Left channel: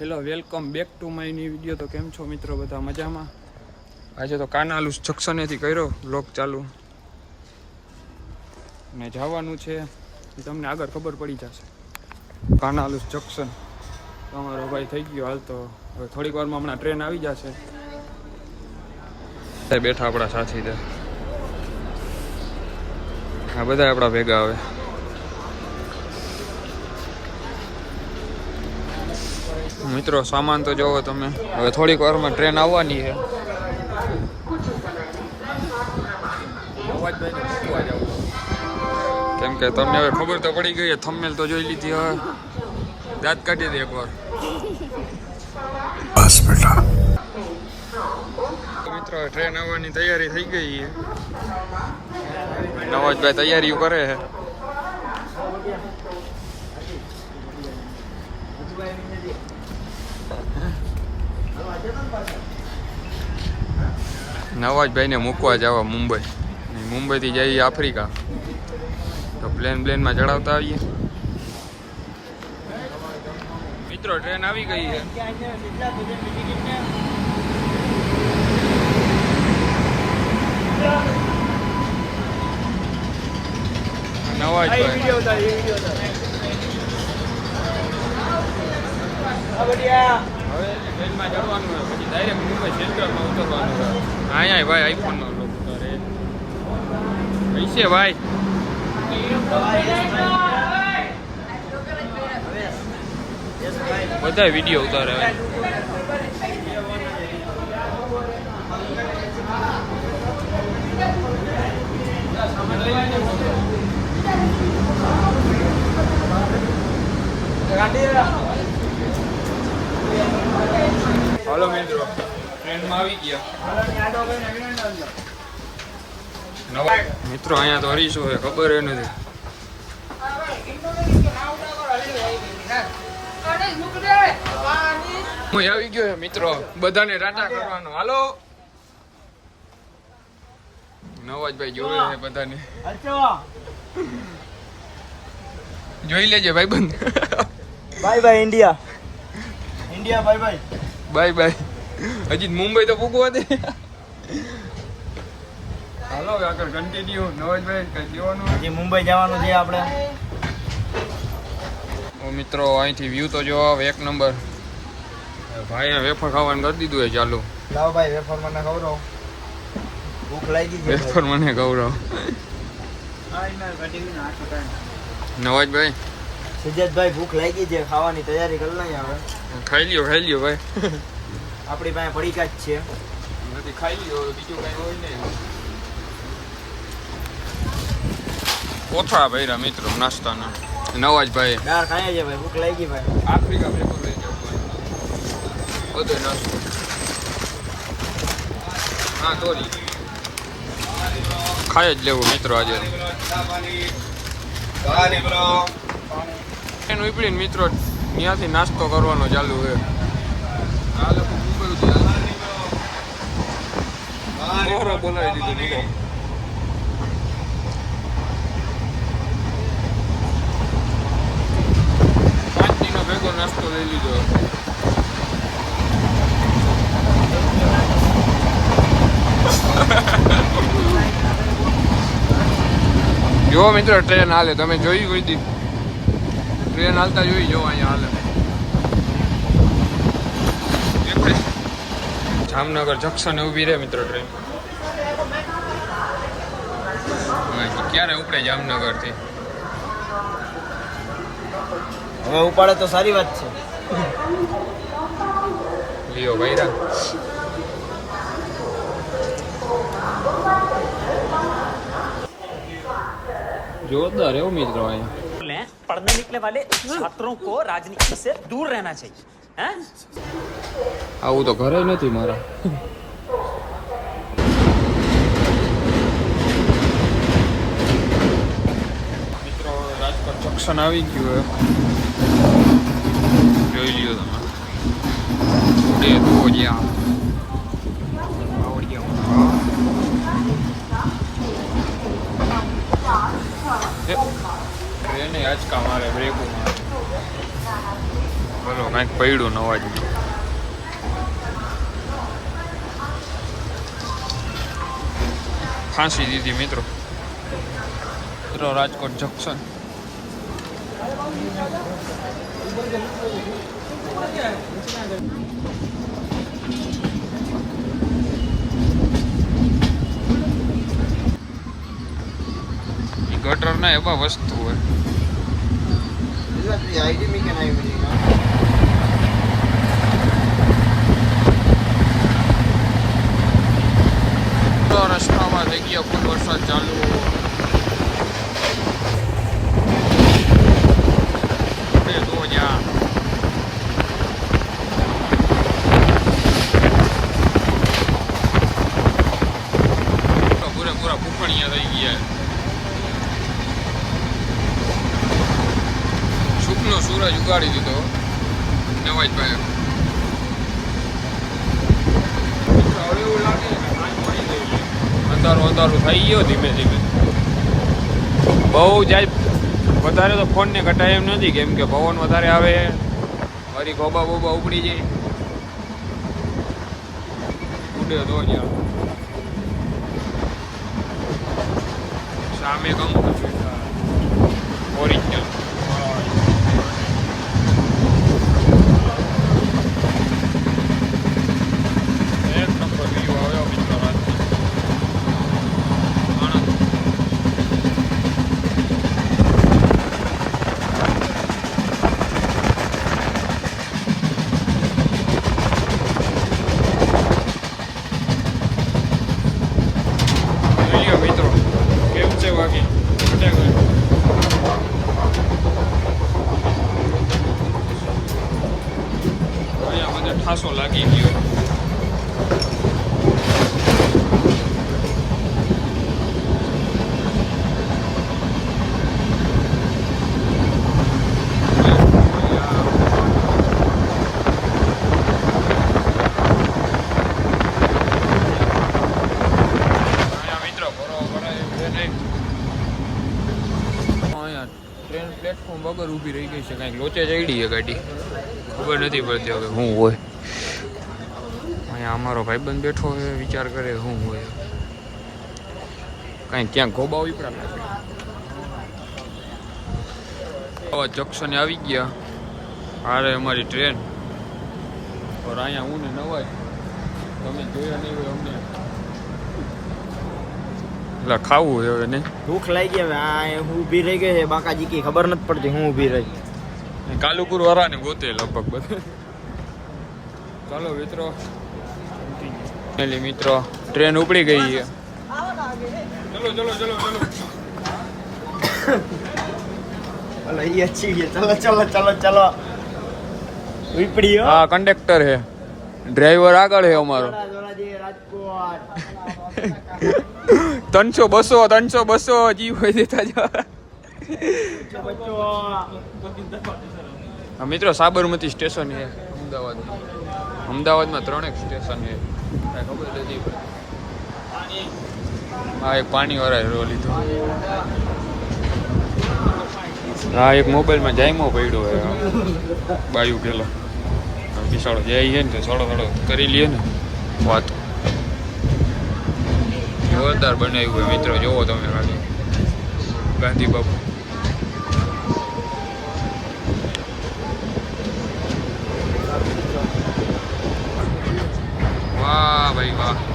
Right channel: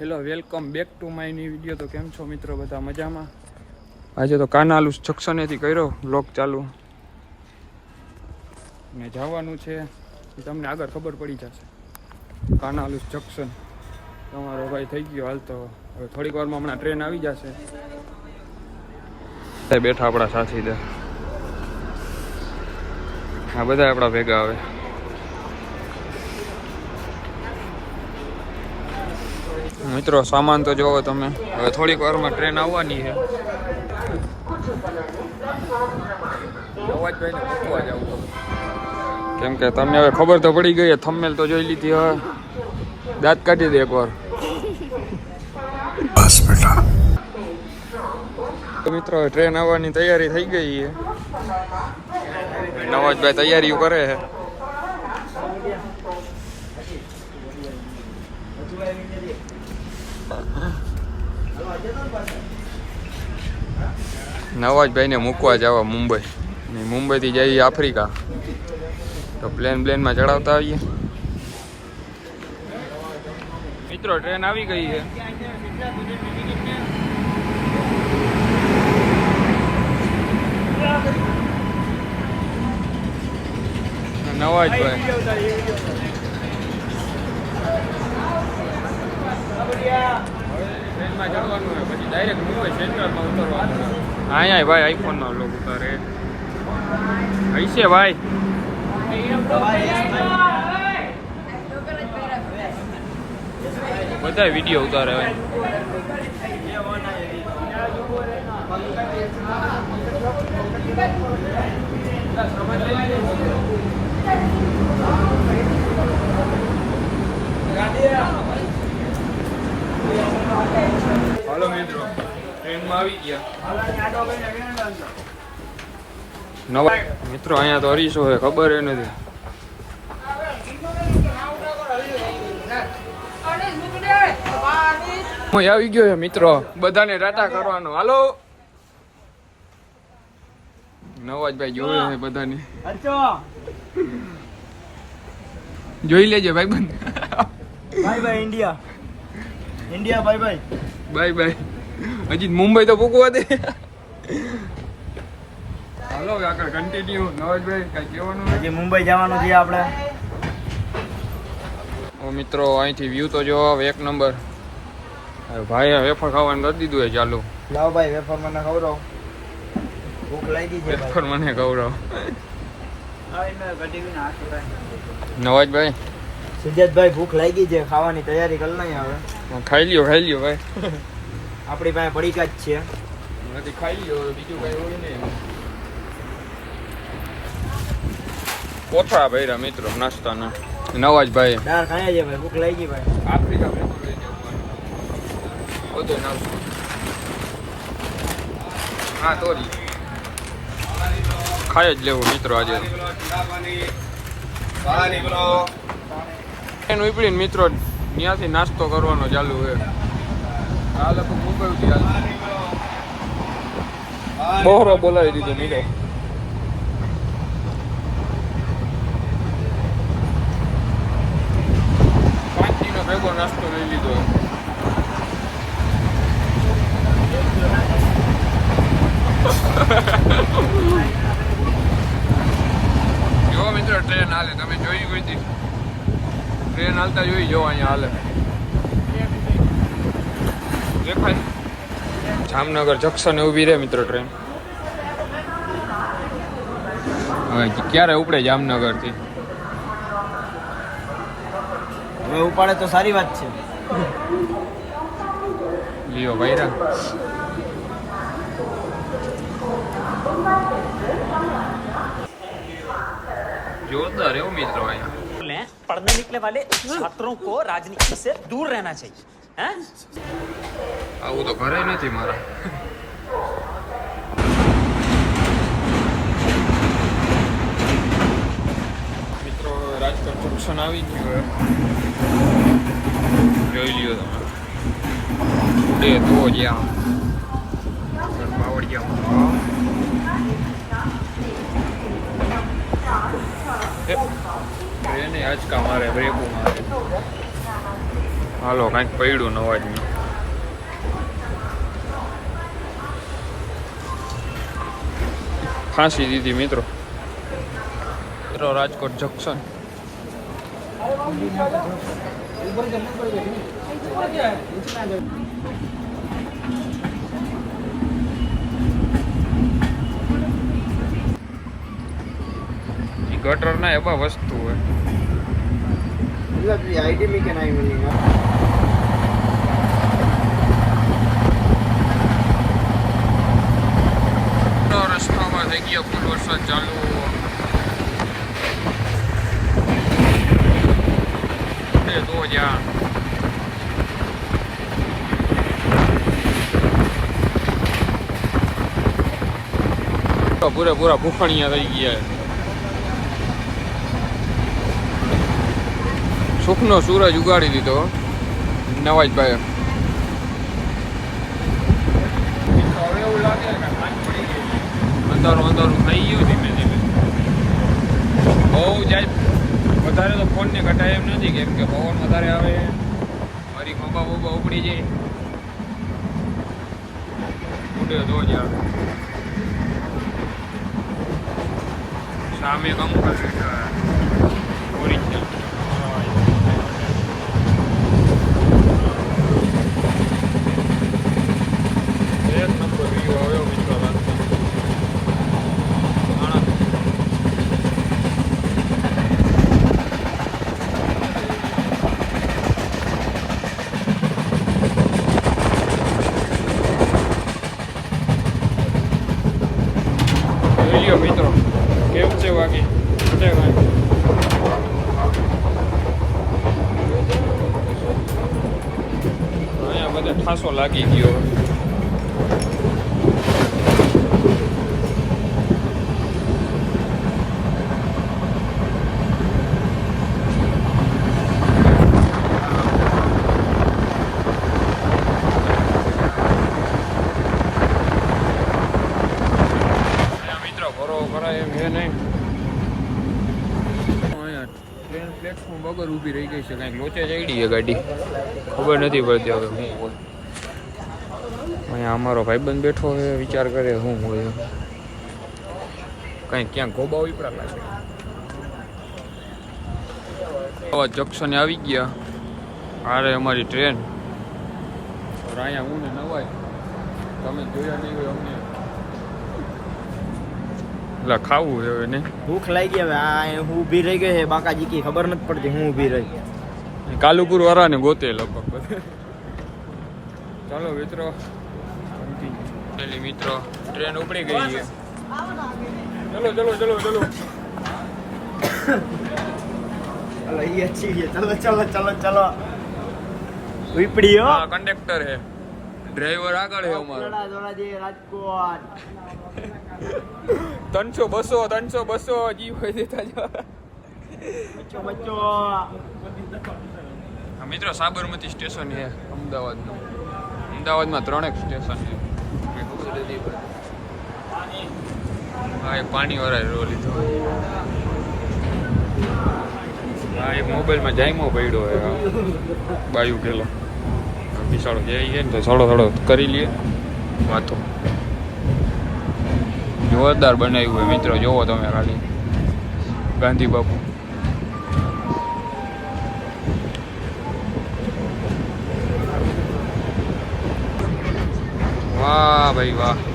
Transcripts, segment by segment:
Hello welcome back to માયની video તો કેમ છો મિત્રો બધા? મજામાં? આજે તો કાનાલુ જક્શનેથી કર્યો બ્લોગ ચાલુ. ને જવાનું છે. તમને આગળ ખબર પડી જશે. કાનાલુ જંક્શન. તમારો ભાઈ થઈ ગયો હાલ તો. હવે થોડીક વારમાં હમણાં ટ્રેન આવી જશે. બેઠા આપણા સાથીદાર આ બધા આપણા ભેગા આવે मित्रों सामान तो जो ते हम थोड़ी वर में ट्रेन आवानी है केम के तमने हमें खबर तो पड़ी गई है थम्मेल तो जो ली थी हाँ दात काटी दी एक बार मित्रों ट्रेन आवानी तैयारी थी गई है नवाज़ भाई तैयारी करे है નવાજભાઈને મૂકવા જવા મુંબઈ. ને મુંબઈથી જઈએ આફ્રિકા. તો પ્લેન પ્લેનમાં ચડાવતા આવીએ. મિત્રો, ટ્રેન આવી ગઈ છે. નવાજભાઈ. ટ્રેનમાં ચડવાનું હોય પછી ડાયરેક્ટ મુંબઈ સેન્ટ્રલમાં ઉતરવાનું હોય અહીંયા ભાઈ આઈફોનનો લોક ઉતારે. હૈશે ભાઈ. બધા વીડિયો ઉતારે હવે. હલો ટ્રેનમાં આવી ગયા. મિત્રો અહીંયા તો હરીશો હોય ખબર એ નથી. હું આવી ગયો છે મિત્રો. બધાને ટાટા કરવાનો. હાલો. નવાજભાઈ જોવે છે બધાને. જોઈ લેજે ભાઈ બંધ bye bye India. India bye bye. Bye bye. હજી મુંબઈ તો કૂકવા દે હાલો આગળ કન્ટિન્યુ નવાજભાઈ કઈ કહેવાનું? હજી મુંબઈ જવાનું છે આપણે. મિત્રો અહીંથી વ્યૂ તો જો આવે એક નંબર ભાઈ વેફર ખાવાનું કરી દીધું એ ચાલુ. લાવ ભાઈ વેફર મને ખવડાવો. ભૂખ લાગી છે વેફર મને ગૌરવ નવાજભાઈ. સિદ્ધાર્થભાઈ ભૂખ લાગી છે. ખાવાની તૈયારી કરી લઈએ હવે. ખાઈ લ્યો ખાઈ લ્યો ભાઈ. આપણી પાસે પડીકા જ છે. નથી ખાઈ લ્યો હવે બીજું કઈ હોય નહીં. કોથળા ભર્યા મિત્રો નાસ્તાના. નવાજભાઈ દાળ ખાઈ છે ભાઈ ભૂખ લાગી ભાઈ. આફ્રિકા ભેગું લઈ જાવ બધો નાસ્તો. હા તોરી ખાઈ જ લેવું મિત્રો આજે. એનું ઉપડીને મિત્રો ત્યાંથી નાસ્તો કરવાનો ચાલુ છે. આ લોકો મુંબઈથી હાલ બહોરો બોલાવી દીધો મિત્રો પાંચ દિનો ભેગો નાસ્તો લઈ લીધો જો મિત્રો ટ્રેન હાલે તમે જોઈ કોઈ દી ટ્રેન હાલતા જોઈ જો અહીંયા હાલે એકડે. જામનગર જંકશન ઊભી રહે મિત્રો ટ્રેન હા, ક્યારે ઉપડે જામનગર થી હવે ઉપાડે તો સારી વાત છે લિયો ભાઈરા જોરદાર એવું મિત્રો અહીંયા लें पढ़ने निकले वाले छात्रों को राजनीति से दूर रहना चाहिए हैं આવું તો ઘરે નથી મારા. મિત્રો રાજકોટ જંકશન આવી ગયું હવે. જોઈ લ્યો તમે. ઉડે તો જ્યાં બાવળિયા ટ્રેને બ્રેકો મારે. હાલો કાંઈક પડ્યું નવાજનું. ફાંસી દીધી મિત્રો. મિત્રો રાજકોટ જંકશન ઈ ગટર ના એવા વસ્તુ હોય તો રસ્તામાં થઈ ગયા ફૂલ વરસાદ ચાલુ બે તો જા તો પૂરેપૂરા ભૂખણિયા થઈ ગયા સુખનો સૂરજ ઉગાડી દીધો નવાજભાઈ અંધારું અંધારું થઈ ગયો ધીમે ધીમે. બહુ જાય વધારે તો ફોનને કટાય એમ નથી કેમ કે પવન વધારે આવે. મારી ખોબા બોબા ઉપડી જાય. ઉડે તો જ સામે કમ્પ્યુટર ઓરિજિનલ એક નંબર વ્યૂ આવ્યો મિત્રો રાતનો આણંદ જોઈ લ્યો મિત્રો કેમ છે વાગી ઘટે કાંઈ અહીંયા બધે ઠાસો લાગી ગયો અહીંયા મિત્રો ભરો ભરાય એમ નહીં. અહીંયા પ્લેટફોર્મ વગર ઊભી રહી ગઈ છે કાંઈ. લોચે ચડી છે ગાડી. ખબર નથી પડતી હવે શું હોય. અહીંયા અમારો ભાઈબંધ બેઠો છે વિચાર કરે શું હોય. કાંઈ ક્યાં ગોબા ઉપરા લાગે આવા જંક્શને આવી ગયા. આરે અમારી ટ્રેન. અહીંયા હું ને નવાજ. તમે જોયા નહીં હોય અમને. એટલે ખાવું હવે ને? ભૂખ લાગી હવે આ હું ઊભી રહી ગઈ છે બાકાજી કી ખબર નથી પડતી હું ઊભી રહી. કાલુપુર વાળાને ગોતે લગભગ ચાલો મિત્રો કન્ટિન્યુ મિત્રો ટ્રેન ઉપડી ગઈ છે. ચલો ચલો ચલો ચલો. ચલો એ અચ્છી છે ચલો ચલો ચલો ચલો. ઉપડી હો કંડક્ટર છે. ડ્રાઈવર આગળ છે અમારો. ત્રણસો બસો ત્રણસો બસો જીવ હોય દેતા જવા મિત્રો સાબરમતી સ્ટેશન છે અમદાવાદમાં. અમદાવાદમાં ત્રણેક સ્ટેશન છે કાંઈ ખબર નથી પડતી. હા, એક પાણી વાળા લીધો. હા, એક મોબાઈલમાં જાયમો પડ્યો હોય બાયુ આ બિસાડો જાય ને તો થોડો થોડો કરી લઈએ ને, વાતો. જોરદાર બનાવ્યું હોય, મિત્રો, જોવો તમે ખાલી. ગાંધી બાપુ. વાહ, ભાઈ વાહ.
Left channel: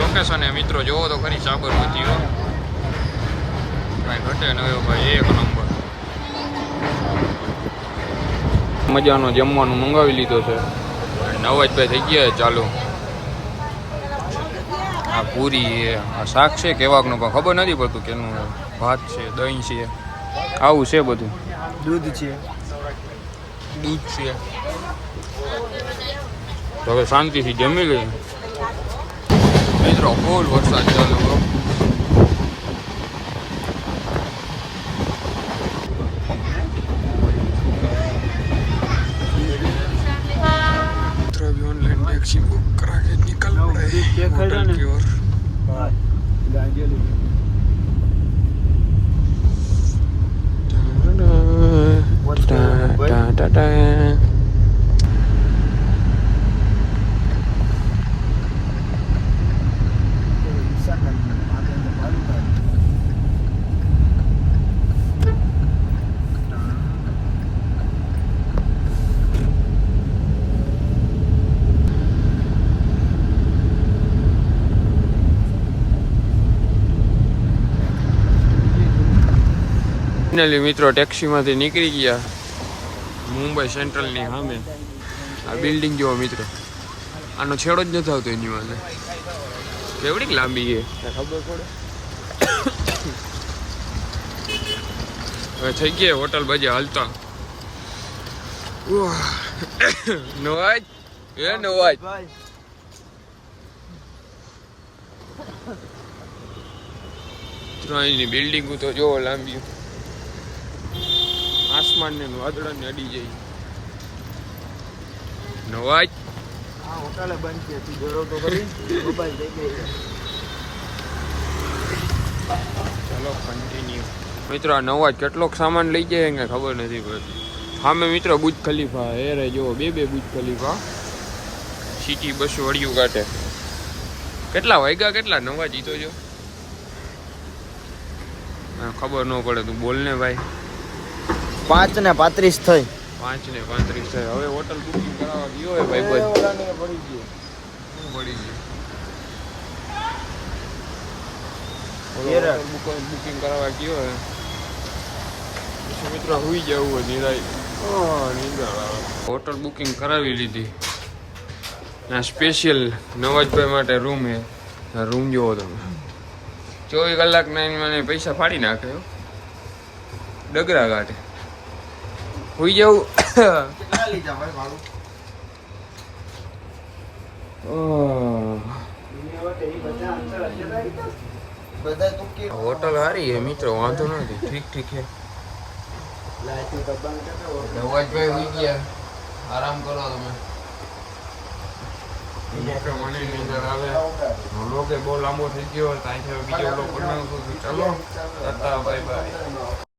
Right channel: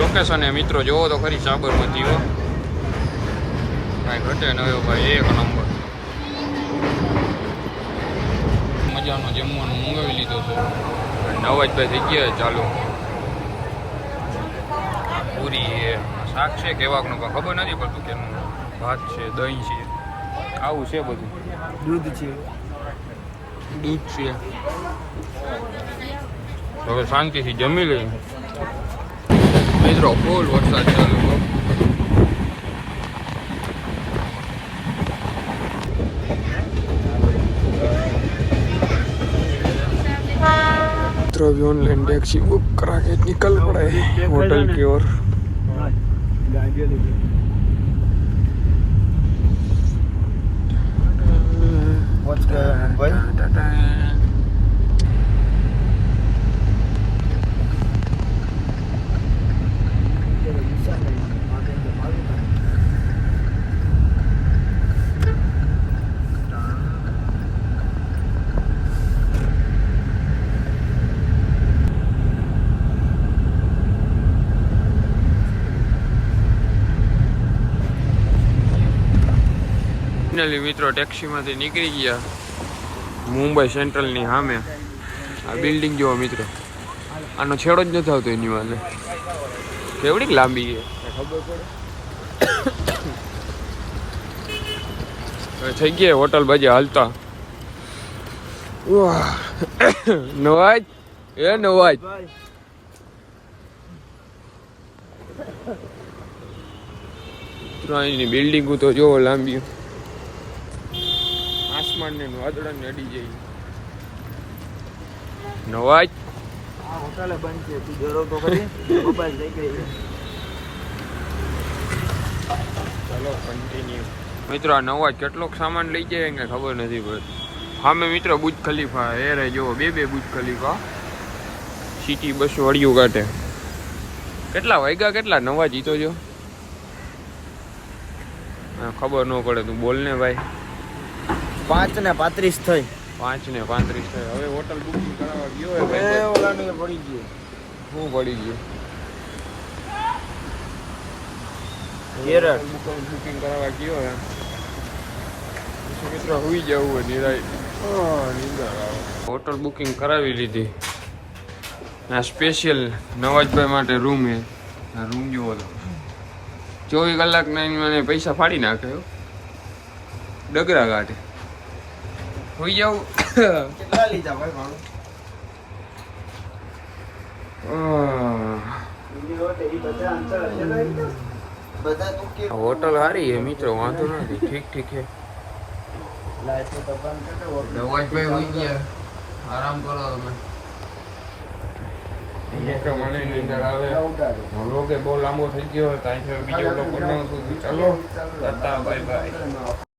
લોકેશન એ મિત્રો જોવો તો ખરી સાબરમતી હો. કાંઈ ઘટે ન હોય ભાઈ એક નંબર. મજાનો જમવાનું મંગાવી લીધો છે. અને નવાજભાઈ થઈ ગયા ચાલુ. આ પૂરી આ શાક છે કેવાકનું પણ ખબર નથી પડતું કેનું ભાત છે દહીં છે. આવું છે બધું. દૂધ છે. દૂધ છે. તો હવે શાંતિથી જમી લઈએ. મિત્રો ફૂલ વરસાદ ચાલુ હો. मित्र अभी ऑनलाइन टैक्सी बुक करा के निकल पड़े होटल की ओर What's the- ફાઇનલી મિત્રો ટેક્સીમાંથી નીકળી ગયા મુંબઈ સેન્ટ્રલની સામે. આ બિલ્ડિંગ જેવો મિત્રો. આનો છેડો જ નથી આવતો એની વાને કેવડીક લાંબી છે? ખબર પડે થઈ ગયા હોટલ બાજુ હાલતા. નવાજ? એ નવાજ. ભાઈ. ત્રણની બિલ્ડિંગો તો જોવો લાંબી. આસમાન ને વાદળા ને અડી જાય. નવાજ? આ હોટલે બંધ છે તું જોરો તો કરી મોબાઈલ થઈ ગઈ છે. ચાલો કન્ટિન્યુ મિત્રો આ નવા કેટલોક સામાન લઈ જાય એને ખબર નથી પડતી. સામે મિત્રો બુજ ખલીફા એ રે જુઓ બે બે બુજ ખલીફા. સિટી બસો વળિયું કાઢે કેટલા વાગ્યા કેટલા? નવા જીતો જો હા, ખબર ન પડે તું બોલ ને ભાઈ. પાંચ ને પાંત્રીસ થઈ. પાંચ ને પાંત્રીસ છે. હવે હોટલ બુકિંગ કરાવવા ગયો હોય ભાઈ ભાઈ શું પડી ગયું. હોટલ બુકિંગ કરાવવા ગયો હે મિત્રો હુઈ જવું હોય નિરાય આવે. હોટલ બુકિંગ કરાવી લીધી. આ સ્પેશિયલ નવાજભાઈ માટે રૂમ હે રૂમ જોવો તમે. ચોવીસ કલાકના મને પૈસા ફાડી નાખે હો. ડગરા કાઢે હુઈ જાવ કેટલા લીધા ભાઈ હોટલ સારી છે મિત્રો વાંધો નથી. ઠીક ઠીક છે. બંધ હોઈ ગયા. આરામ કરો તમે. બહુ લાંબો થઈ ગયો બીજો લોકો બનાવશું ચાલો ટાટા બાય બાય.